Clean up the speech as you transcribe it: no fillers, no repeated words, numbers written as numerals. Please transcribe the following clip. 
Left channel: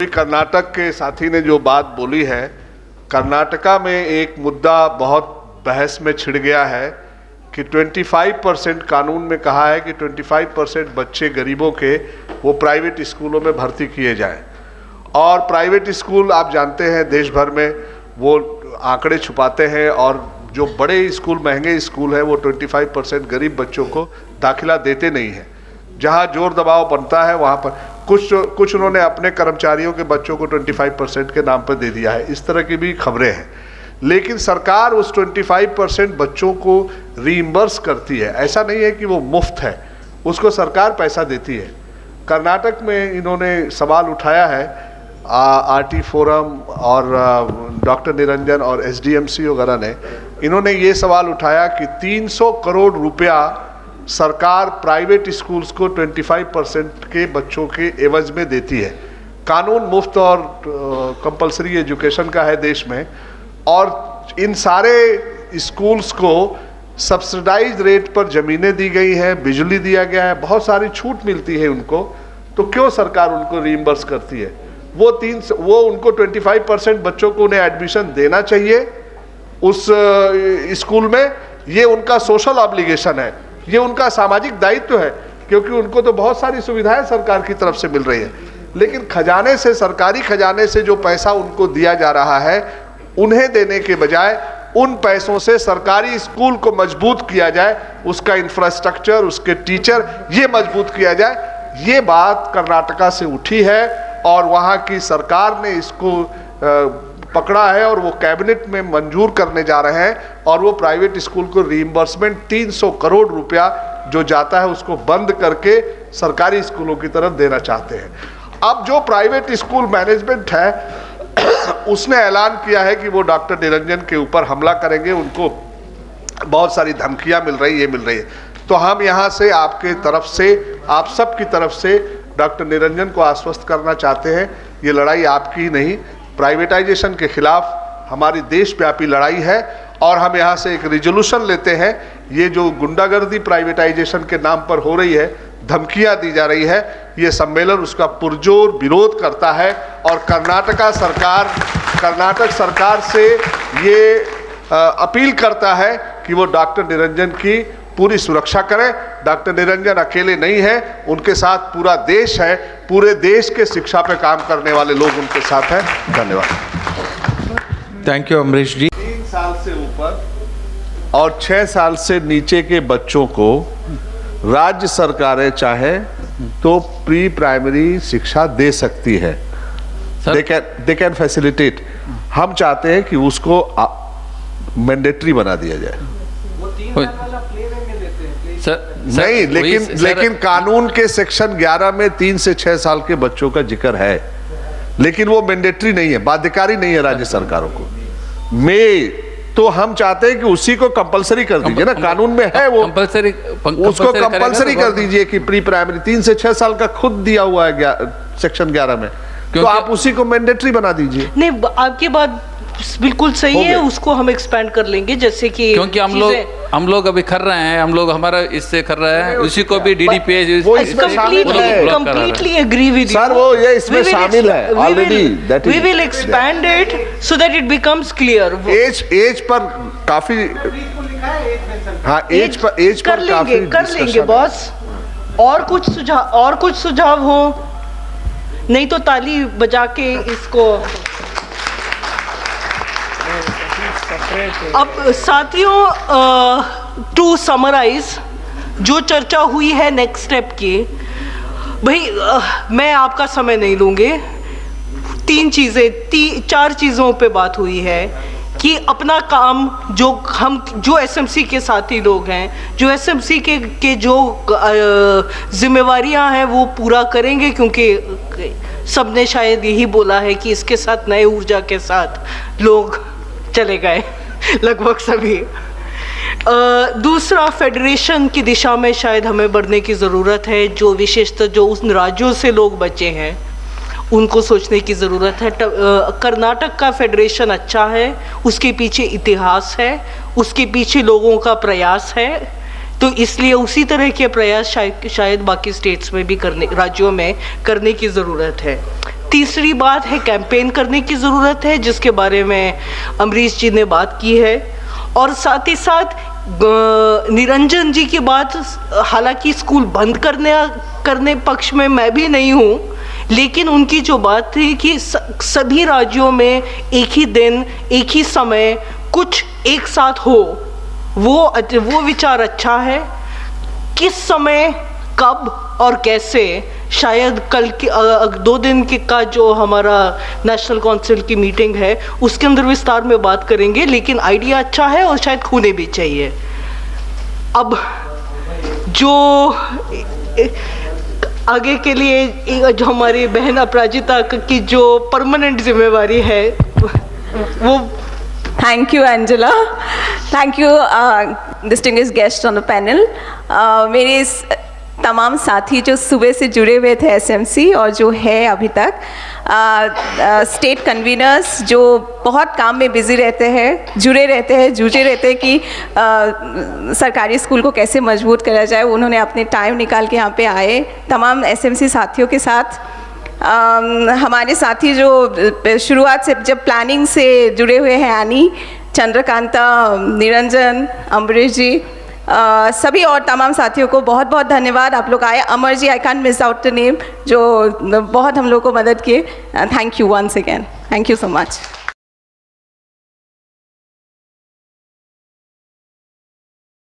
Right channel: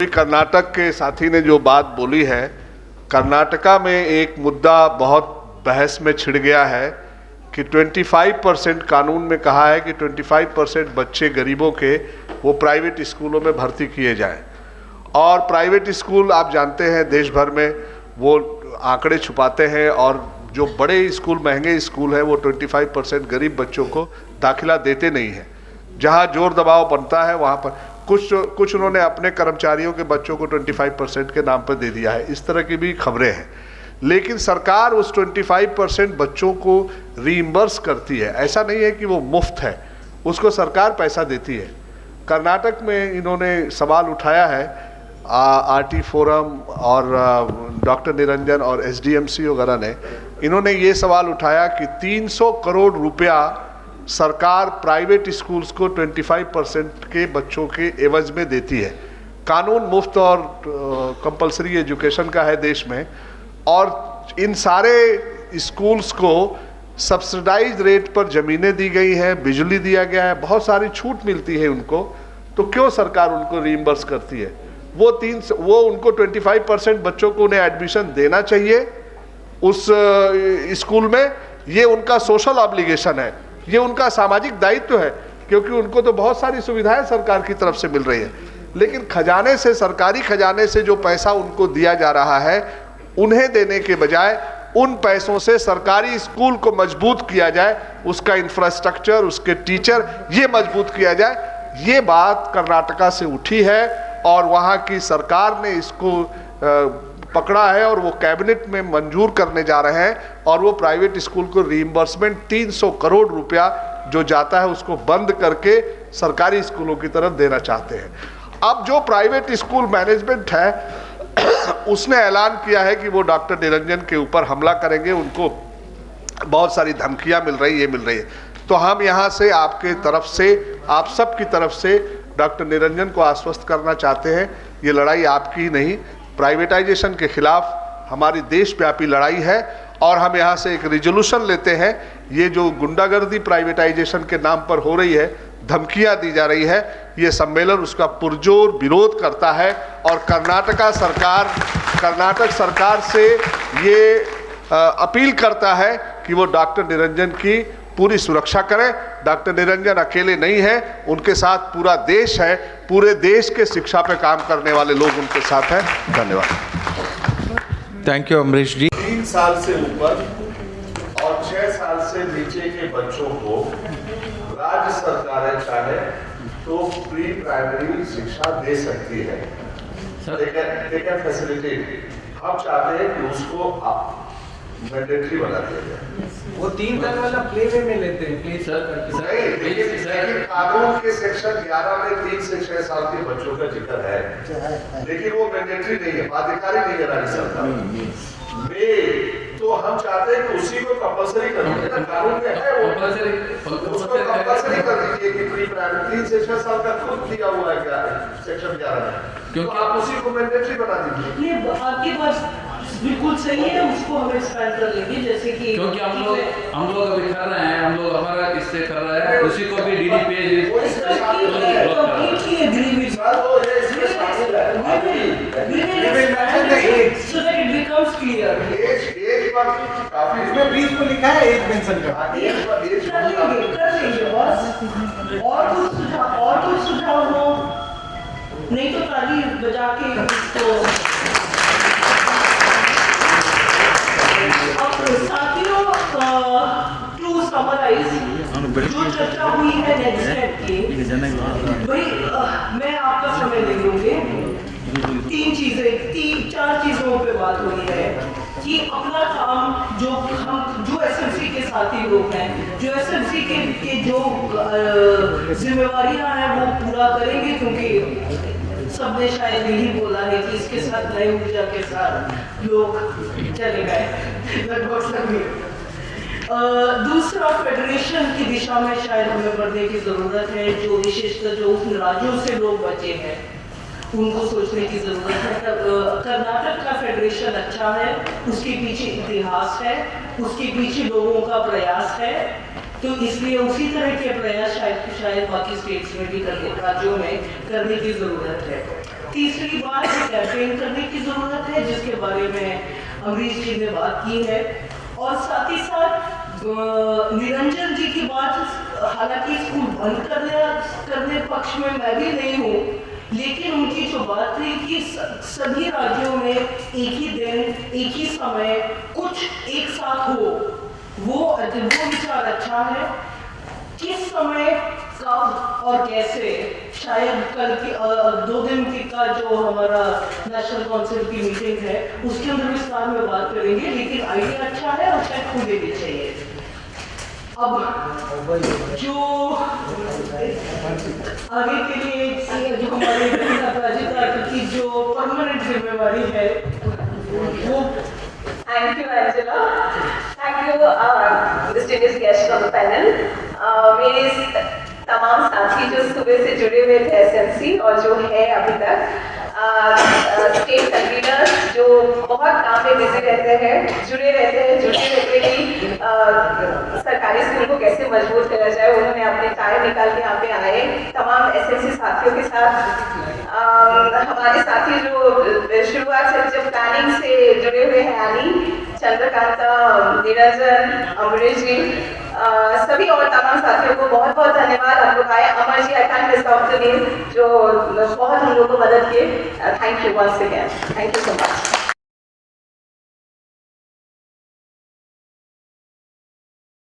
कर्नाटक के साथी ने जो बात बोली है, कर्नाटका में एक मुद्दा बहुत बहस में छिड़ गया है कि 25% कानून में कहा है कि 25% बच्चे गरीबों के वो प्राइवेट स्कूलों में भर्ती किए जाएं। और प्राइवेट स्कूल आप जानते हैं देश भर में वो आंकड़े छुपाते हैं और जो बड़े स्कूल, महंगे स्कूल हैं, वो 25% गरीब बच्चों को दाखिला देते नहीं हैं। जहां जोर दबाव बनता है वहां पर कुछ उन्होंने अपने कर्मचारियों के बच्चों को 25% के नाम पर दे दिया है। इस तरह की भी खबरें हैं, लेकिन सरकार उस 25% बच्चों को रीइंबर्स करती है। ऐसा नहीं है कि वो मुफ्त है, उसको सरकार पैसा देती है। कर्नाटक में इन्होंने सवाल उठाया है, आरटी फोरम और डॉक्टर निरंजन और एसडीएमसी वगैरह ने, इन्होंने ये सवाल उठाया कि 300 करोड़ रुपया सरकार प्राइवेट स्कूल्स को 25% के बच्चों के एवज में देती है। कानून मुफ्त और कंपलसरी एजुकेशन का है देश में, और इन सारे स्कूल्स को सब्सिडाइज रेट पर ज़मीनें दी गई हैं, बिजली दिया गया है, बहुत सारी छूट मिलती है उनको। तो क्यों सरकार उनको रीइंबर्स करती है? वो उनको 25% बच्चों को उन्हें एडमिशन देना चाहिए उस स्कूल में। ये उनका सोशल ऑब्लिगेशन है, ये उनका सामाजिक दायित्व है, क्योंकि उनको तो बहुत सारी सुविधाएं सरकार की तरफ से मिल रही है। लेकिन खजाने से, सरकारी खजाने से जो पैसा उनको दिया जा रहा है, उन्हें देने के बजाय उन पैसों से सरकारी स्कूल को मजबूत किया जाए, उसका इंफ्रास्ट्रक्चर, उसके टीचर, ये मजबूत किया जाए। ये बात कर्नाटका से उठी है और वहाँ की सरकार ने इसको पकड़ा है और वो कैबिनेट में मंजूर करने जा रहे हैं। और वो प्राइवेट स्कूल को रीइंबर्समेंट 300 करोड़ रुपया जो जाता है उसको बंद करके सरकारी स्कूलों की तरफ देना चाहते हैं। अब जो प्राइवेट स्कूल मैनेजमेंट है उसने ऐलान किया है कि वो डॉक्टर निरंजन के ऊपर हमला करेंगे, उनको बहुत सारी धमकियां मिल रही है। तो हम यहाँ से आपके तरफ से, आप सब की तरफ से डॉक्टर निरंजन को आश्वस्त करना चाहते हैं, ये लड़ाई आपकी ही नहीं, प्राइवेटाइजेशन के खिलाफ हमारी देशव्यापी लड़ाई है। और हम यहाँ से एक रिजोल्यूशन लेते हैं, ये जो गुंडागर्दी प्राइवेटाइजेशन के नाम पर हो रही है, धमकियां दी जा रही है, ये सम्मेलन उसका पुरजोर विरोध करता है। और कर्नाटक सरकार से ये अपील करता है कि वो डॉक्टर निरंजन की पूरी सुरक्षा करें। डॉक्टर निरंजन अकेले नहीं है, उनके साथ पूरा देश है, पूरे देश के शिक्षा पे काम करने वाले लोग उनके साथ हैं। धन्यवाद। थैंक यू अमरीश जी। 3 साल से ऊपर और 6 साल से नीचे के बच्चों को राज्य सरकारें चाहे तो प्री प्राइमरी शिक्षा दे सकती है, दे कैन फैसिलिटेट। हम चाहते हैं कि उसको मैंडेटरी बना दिया जाए। वो 3 साल वाला प्ले वे में लेते हैं सर, नहीं, लेकिन कानून के सेक्शन 11 में 3 से 6 साल के बच्चों का जिक्र है, लेकिन वो मैंडेटरी नहीं है, बाध्यकारी नहीं है राज्य सरकारों को। तो हम चाहते हैं कि उसी को कंपलसरी कर दीजिए ना, कानून में है वो उसको कंपलसरी कर दीजिए कि प्री प्राइमरी 3 से 6 साल का खुद दिया हुआ है सेक्शन 11 में, तो आप उसी को मैंडेटरी बना दीजिए। नहीं, आपकी बात बिल्कुल सही है, उसको हम एक्सपैंड कर लेंगे, जैसे कि क्योंकि हम लोग अभी कर रहे हैं, हम लोग हमारा इससे कर रहे हैं, उसी को भी DDPH completely agree with sir, वो ये इसमें शामिल है already. We will expand it so that it becomes clear. As पर काफी लिखा है, एज मेंशन। हाँ, एज पर कर लेंगे बॉस। और कुछ सुझाव हो, नहीं तो ताली बजा के इसको। अब साथियों, टू समराइज जो चर्चा हुई है नेक्स्ट स्टेप की, भाई मैं आपका समय नहीं दूंगी। 4 चीज़ों पे बात हुई है कि अपना काम जो एसएमसी के साथी लोग हैं, जो एसएमसी के जो जिम्मेवारियां हैं वो पूरा करेंगे, क्योंकि सबने शायद यही बोला है कि इसके साथ नए ऊर्जा के साथ लोग चले गए लगभग सभी। दूसरा, फेडरेशन की दिशा में शायद हमें बढ़ने की ज़रूरत है। जो विशेषतः जो उन राज्यों से लोग बचे हैं उनको सोचने की ज़रूरत है। कर्नाटक का फेडरेशन अच्छा है, उसके पीछे इतिहास है, उसके पीछे लोगों का प्रयास है, तो इसलिए उसी तरह के प्रयास शायद बाकी स्टेट्स में भी राज्यों में करने की ज़रूरत है। तीसरी बात है कैंपेन करने की ज़रूरत है, जिसके बारे में अमरीश जी ने बात की है। और साथ ही साथ निरंजन जी की बात, हालांकि स्कूल बंद करने पक्ष में मैं भी नहीं हूँ, लेकिन उनकी जो बात थी कि सभी राज्यों में एक ही दिन एक ही समय कुछ एक साथ हो, वो विचार अच्छा है। किस समय कब और कैसे, शायद कल की 2 दिन का जो हमारा नेशनल काउंसिल की मीटिंग है उसके अंदर विस्तार में बात करेंगे, लेकिन आइडिया अच्छा है और शायद होने भी चाहिए। अब जो आगे के लिए जो हमारी बहन अपराजिता की जो परमानेंट जिम्मेवारी है वो। Thank you Angela, thank you distinguished guest on the panel. मेरे तमाम साथी जो सुबह से जुड़े हुए थे एसएमसी और जो है अभी तक, स्टेट कन्वीनर्स जो बहुत काम में बिजी रहते हैं, जुड़े रहते हैं, जूझे रहते हैं कि सरकारी स्कूल को कैसे मजबूत करा जाए, उन्होंने अपने टाइम निकाल के यहाँ पे आए। तमाम एसएमसी साथियों के साथ हमारे साथी जो शुरुआत से जब प्लानिंग से जुड़े हुए हैं, यानी चंद्रकांता, निरंजन, अमरीश जी, सभी और तमाम साथियों को बहुत बहुत धन्यवाद। आप लोग आए। Amar ji, I can't miss out the name, जो बहुत हम लोग को मदद किए। Thank you once again, thank you so much.